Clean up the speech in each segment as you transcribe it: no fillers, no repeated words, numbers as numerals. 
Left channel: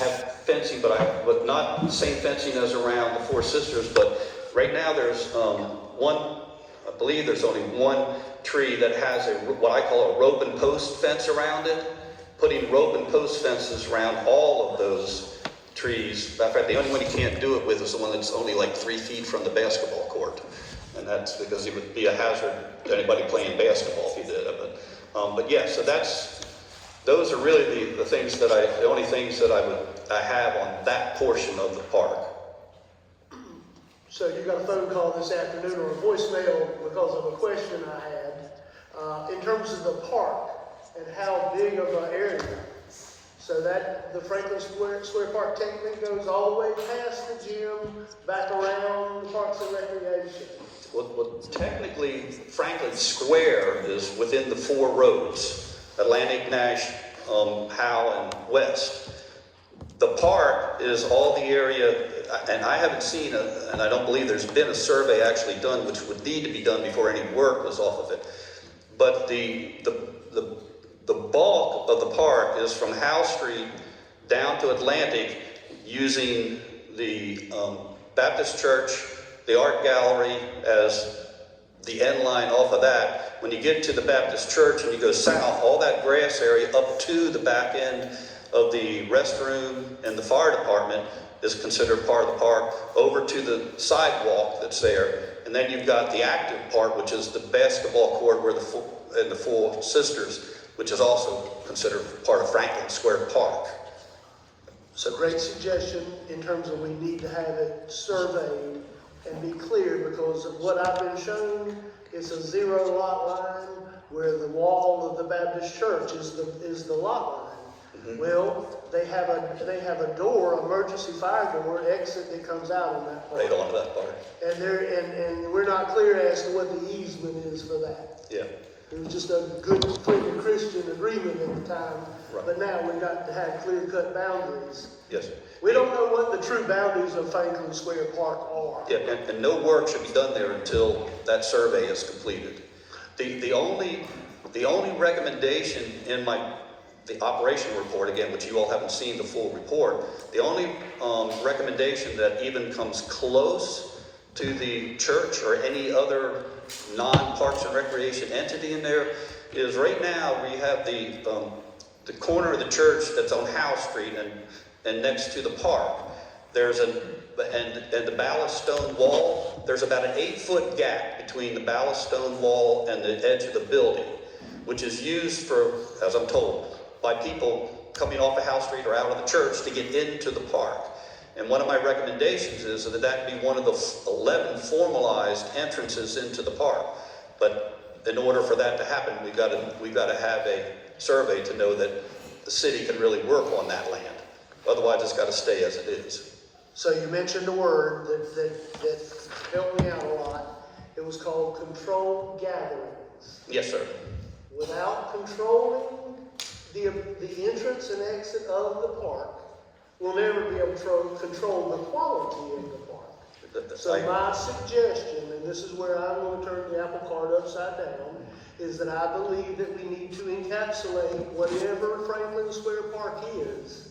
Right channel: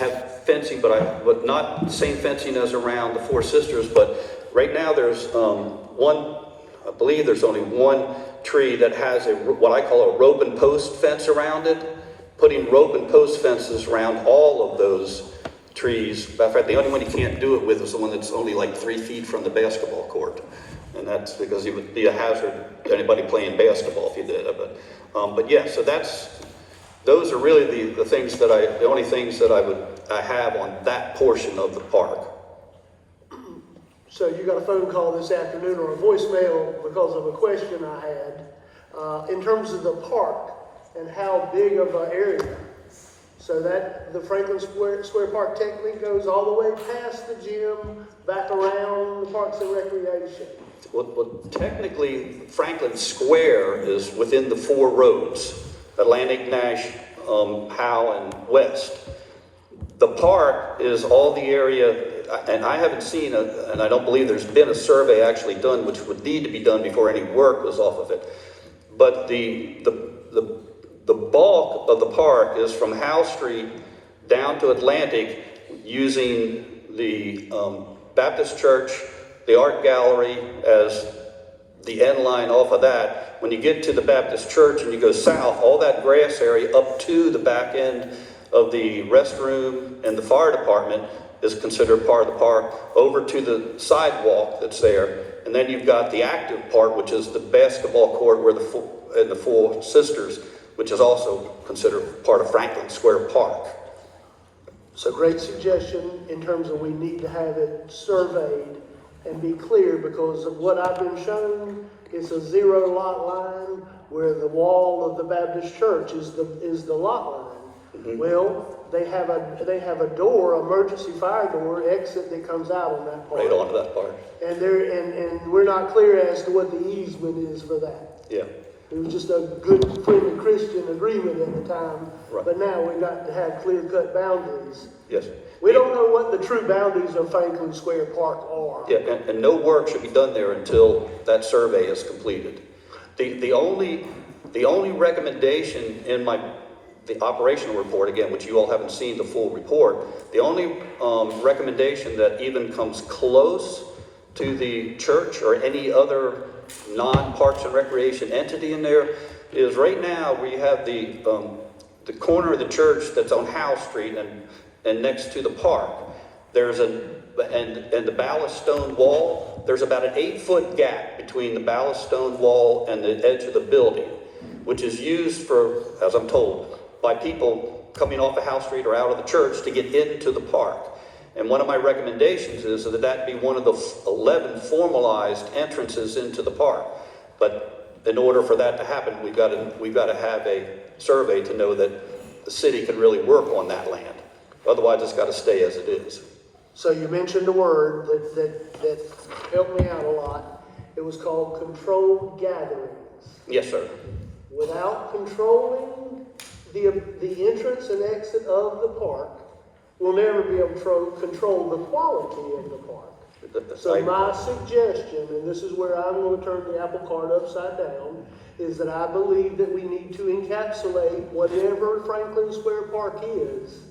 have fencing, but not the same fencing as around the Four Sisters. But right now there's I believe there's only one tree that has what I call a rope and post fence around it. Putting rope and post fences around all of those trees. In fact, the only one you can't do it with is the one that's only like 3 feet from the basketball court. And that's because it would be a hazard to anybody playing basketball if you did it. But yeah, so those are really the things that the only things that I have on that portion of the park. So you got a phone call this afternoon or a voicemail because of a question I had. In terms of the park and how big of an area, so that the Franklin Square Park technically goes all the way past the gym, back around the Parks and Recreation. Well, technically, Franklin Square is within the 4 roads, Atlantic, Nash, Howe, and West. The park is all the area, and I haven't seen, and I don't believe there's been a survey actually done, which would need to be done before any work was off of it. But the bulk of the park is from Howe Street down to Atlantic, using the Baptist Church, the art gallery as the end line off of that. When you get to the Baptist Church and you go south, all that grass area up to the back end of the restroom and the fire department is considered part of the park, over to the sidewalk that's there. And then you've got the active part, which is the basketball court where the Four Sisters, which is also considered part of Franklin Square Park. So great suggestion in terms of we need to have it surveyed and be clear, because of what I've been shown, it's a 0 lot line where the wall of the Baptist church is the lot line. Mm-hmm. Well, they have a door, emergency fire door exit that comes out of that part. Right onto that part. And we're not clear as to what the easement is for that. Yeah. It was just a good friendly Christian agreement at the time. Right. But now we've got to have clear-cut boundaries. Yes. We don't know what the true boundaries of Franklin Square Park are. Yeah, and no work should be done there until that survey is completed. The only recommendation in the operational report, again, which you all haven't seen the full report, the only recommendation that even comes close to the church or any other non-Parks and Recreation entity in there is right now we have the corner of the church that's on Howe Street and next to the park. There's and the ballast stone wall, there's about an 8-foot gap between the ballast stone wall and the edge of the building, which is used for, as I'm told, by people coming off of Howe Street or out of the church to get into the park. And one of my recommendations is that be one of the 11 formalized entrances into the park. But in order for that to happen, we've got to have a survey to know that the city can really work on that land. Otherwise, it's got to stay as it is. So you mentioned a word that helped me out a lot. It was called controlled gatherings. Yes, sir. Without controlling the entrance and exit of the park, we'll never be able to control the quality of the park. So my suggestion, and this is where I'm going to turn the apple cart upside down, is that I believe that we need to encapsulate whatever Franklin Square Park is,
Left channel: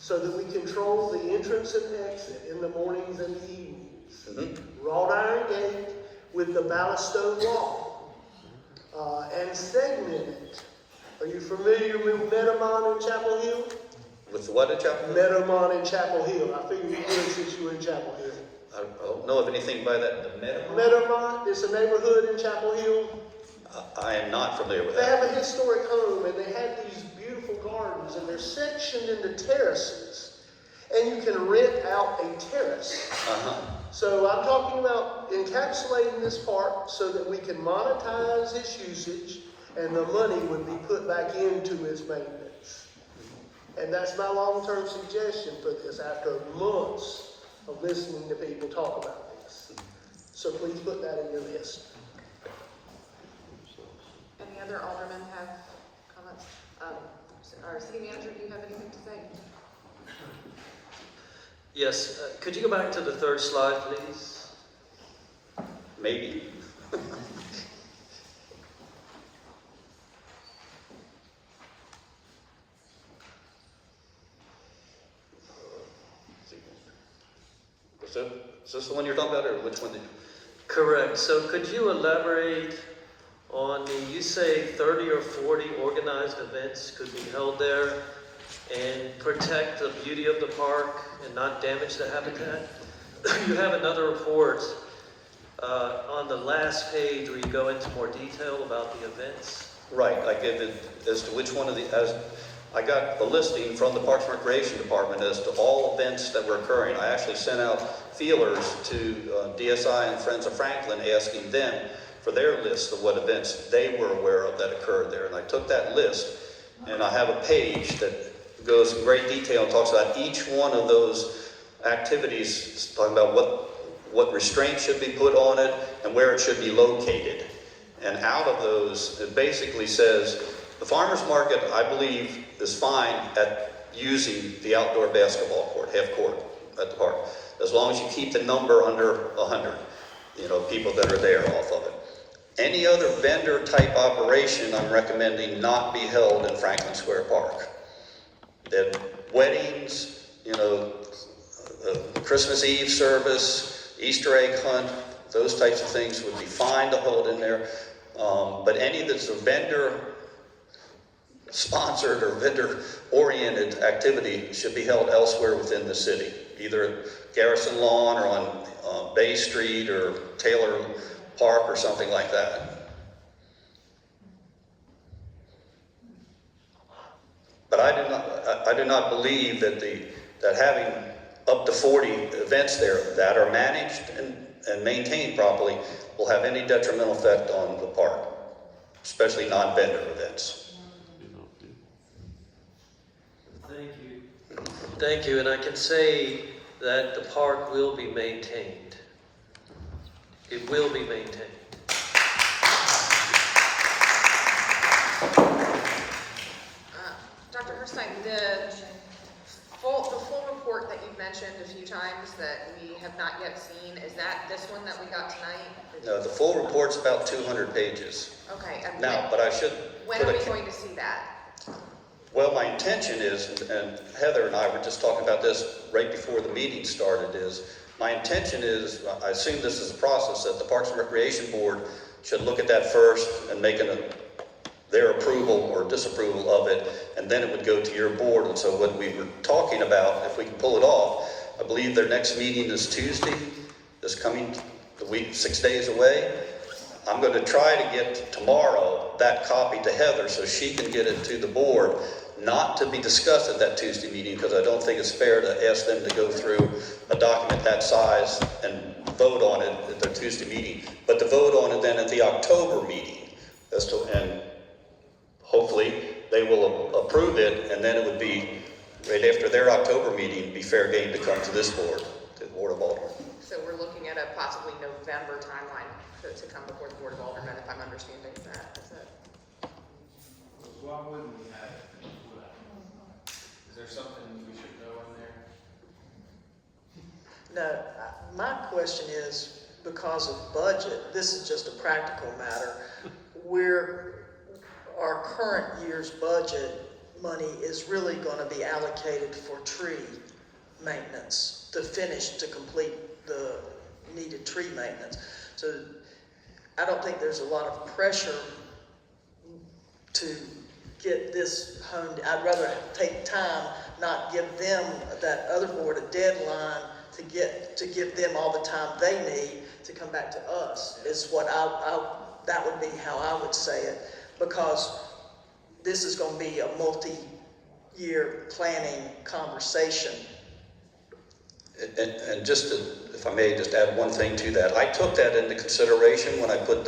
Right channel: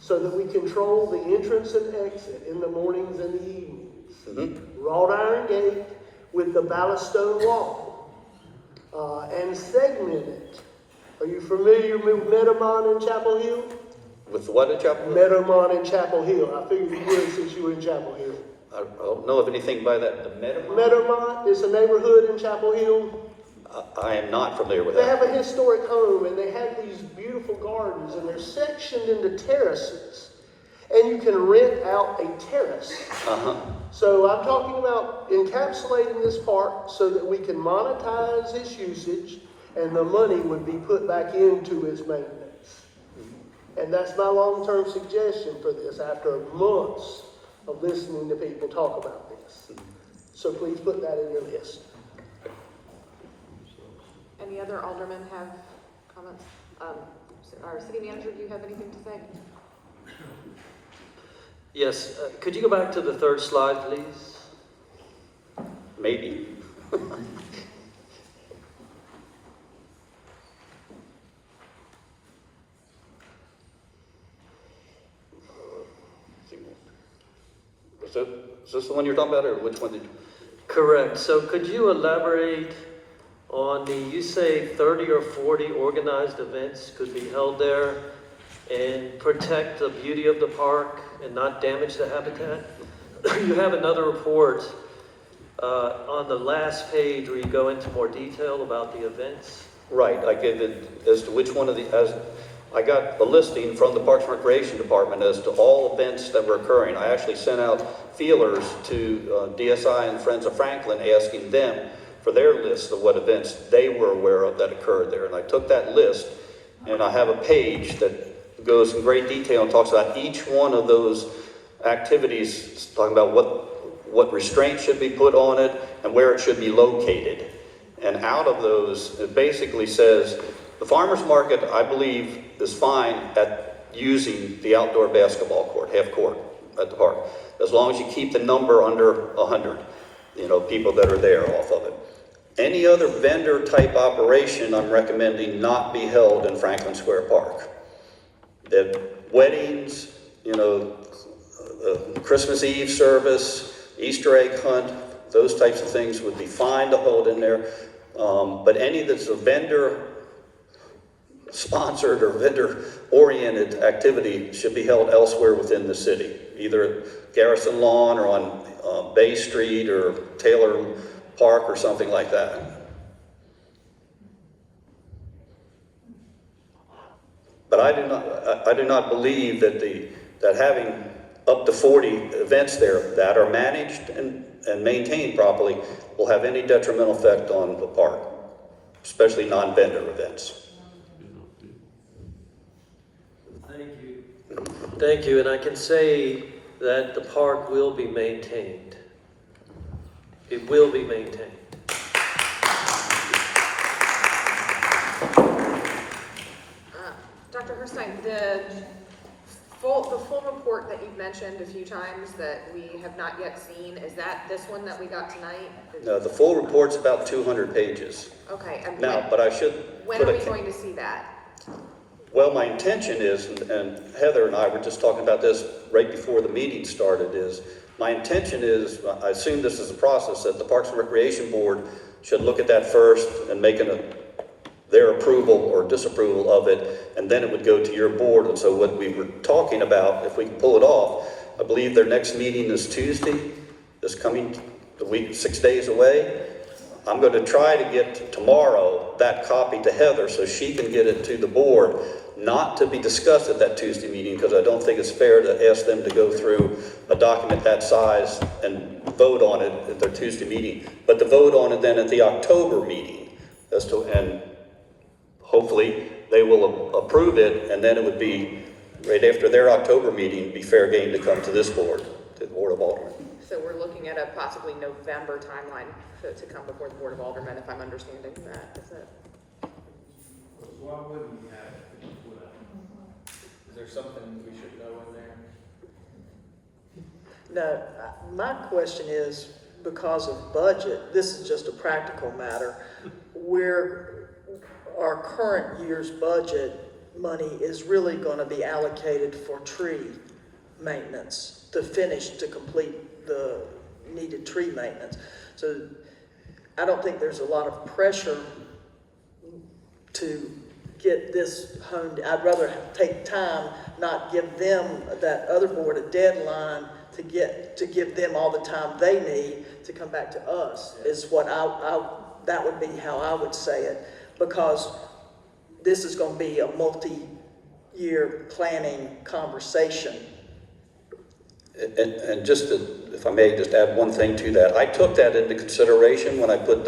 so that we control the entrance and exit in the mornings and the evenings. Mm-hmm. Wrought iron gate with the ballast stone wall, and segment it. Are you familiar with Meadowmont in Chapel Hill? With what in Chapel Hill? Meadowmont in Chapel Hill. I figured you would since you were in Chapel Hill. I don't know of anything by that. Meadowmont is a neighborhood in Chapel Hill. I am not familiar with They that. have a historic home, and they have these beautiful gardens, and they're sectioned into terraces. And you can rent out a terrace. Uh-huh. So I'm talking about encapsulating this park so that we can monetize its usage, and the money would be put back into its maintenance. And that's my long-term suggestion for this after months of listening to people talk about this. So please put that in your list. Any other aldermen have comments? Our city manager, do you have anything to say? Yes, could you go back to the third slide, please? Maybe. Is this the one you're talking about, or which one did you? Correct. So could you elaborate on you say 30 or 40 organized events could be held there and protect the beauty of the park and not damage the habitat? You have another report on the last page where you go into more detail about the events. Right, I gave it as to which one of the, as I got a listing from the Parks and Recreation Department as to all events that were occurring. I actually sent out feelers to DSI and Friends of Franklin asking them for their list of what events they were aware of that occurred there. And I took that list and I have a page that goes in great detail and talks about each one of those activities, talking about what restraints should be put on it and where it should be located. And out of those, it basically says, the farmer's market, I believe, is fine at using the outdoor basketball court, half court at the park, as long as you keep the number under 100, people that are there off of it. Any other vendor type operation, I'm recommending not be held in Franklin Square Park. The weddings, Christmas Eve service, Easter egg hunt, those types of things would be fine to hold in there. But any that's a vendor sponsored or vendor oriented activity should be held elsewhere within the city, either at Garrison Lawn or on Bay Street or Taylor Park or something like that. But I do not believe that having up to 40 events there that are managed and maintained properly will have any detrimental effect on the park, especially non-vendor events. Thank you, and I can say that the park will be maintained. It will be maintained. Dr. Herstein, the full report that you've mentioned a few times that we have not yet seen, is that this one that we got tonight? No, the full report's about 200 pages. Okay. And Now, but I should when are we going to see that? Well, my intention is, and Heather and I were just talking about this right before the meeting started, is my intention is, I assume this is a process, that the Parks and Recreation Board should look at that first and make their approval or disapproval of it, and then it would go to your board. And so what we were talking about, if we can pull it off, I believe their next meeting is Tuesday, this coming week, 6 days away. I'm going to try to get tomorrow that copy to Heather so she can get it to the board, not to be discussed at that Tuesday meeting, because I don't think it's fair to ask them to go through a document that size and vote on it at their Tuesday meeting, but to vote on it then at the October meeting. And hopefully they will approve it, and then it would be right after their October meeting, be fair game to come to this board, to the Board of Aldermen. So we're looking at a possibly November timeline to come before the Board of Aldermen, if I'm understanding that. Is it? Why wouldn't we have it? Is there something we should know in there? No, my question is, because of budget, this is just a practical matter, where our current year's budget money is really going to be allocated for tree maintenance, to complete the needed tree maintenance. So I don't think there's a lot of pressure to get this honed. I'd rather take time, not give them, that other board, a deadline to give them all the time they need to come back to us, is what that would be how I would say it, because this is going to be a multi-year planning conversation. And just if I may just add one thing to that, I took that into consideration when I put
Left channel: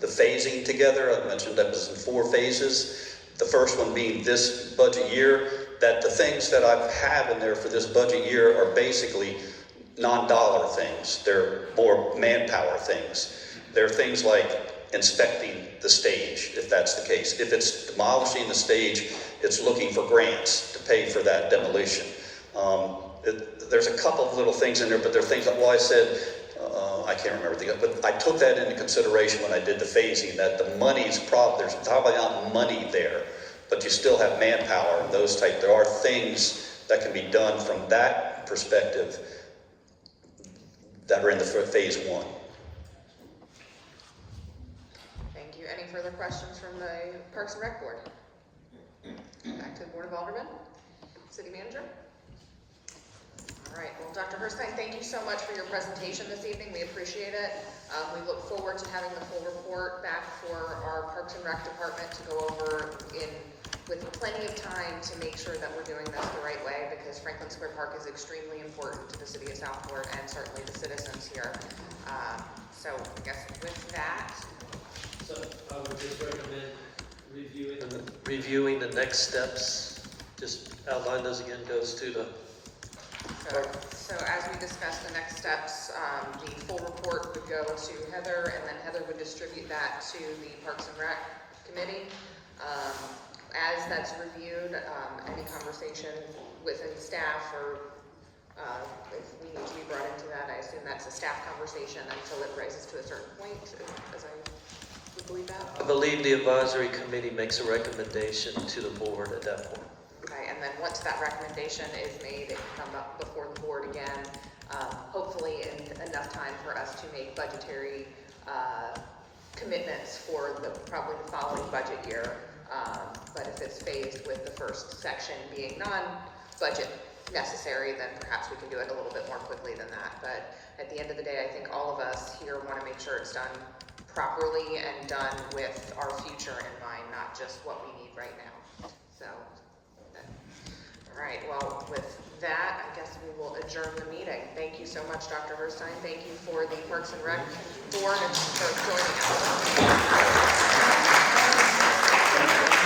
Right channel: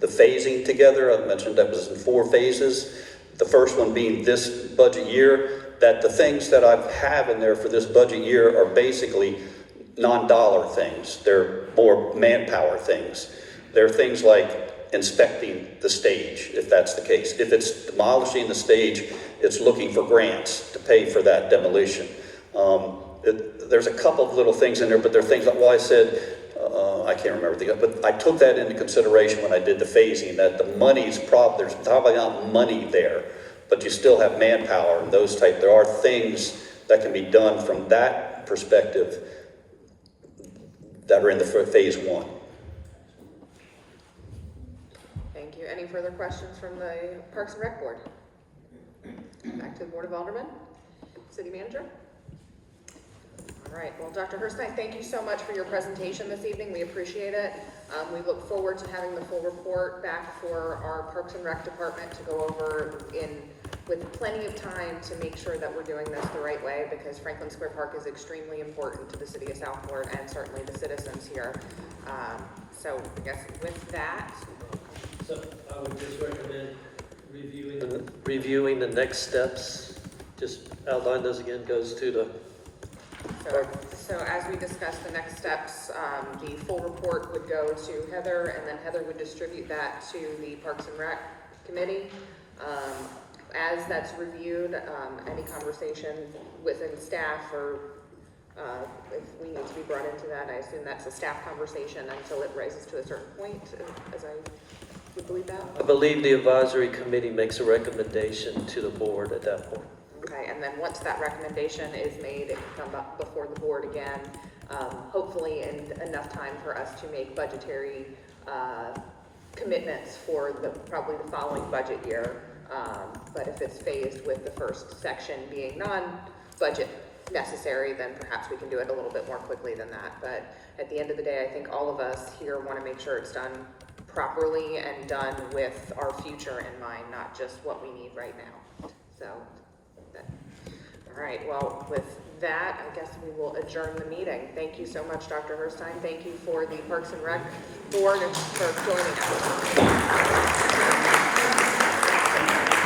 the phasing together. I mentioned that was in 4 phases. The first one being this budget year, that the things that I have in there for this budget year are basically non-dollar things. They're more manpower things. They're things like inspecting the stage, if that's the case. If it's demolishing the stage, it's looking for grants to pay for that demolition. There's a couple of little things in there, but there are things like, well, I said, I can't remember the, but I took that into consideration when I did the phasing, that the money's there's probably not money there, but you still have manpower and those there are things that can be done from that perspective that are in the phase one. Thank you. Any further questions from the Parks and Rec Board? Back to the Board of Aldermen. City Manager? All right, well, Dr. Hurstein, thank you so much for your presentation this evening. We appreciate it. We look forward to having the full report back for our Parks and Rec Department to go over with plenty of time to make sure that we're doing this the right way, because Franklin Square Park is extremely important to the city of Southport and certainly the citizens here. So I guess with that, So I would just recommend reviewing the next steps. Just outline those again, goes to the So as we discussed, the next steps, the full report would go to Heather, and then Heather would distribute that to the Parks and Rec Committee. As that's reviewed, any conversation within staff or if we need to be brought into that, I assume that's a staff conversation until it rises to a certain point, as I would believe that. I believe the advisory committee makes a recommendation to the board at that point. Okay, and then once that recommendation is made, it can come up before the board again, hopefully in enough time for us to make budgetary commitments for probably the following budget year. But if it's phased with the first section being non-budget necessary, then perhaps we can do it a little bit more quickly than that. But at the end of the day, I think all of us here want to make sure it's done properly and done with our future in mind, not just what we need right now. So, all right, well, with that, I guess we will adjourn the meeting. Thank you so much, Dr. Hurstein. Thank you for the Parks and Rec Board and for joining us.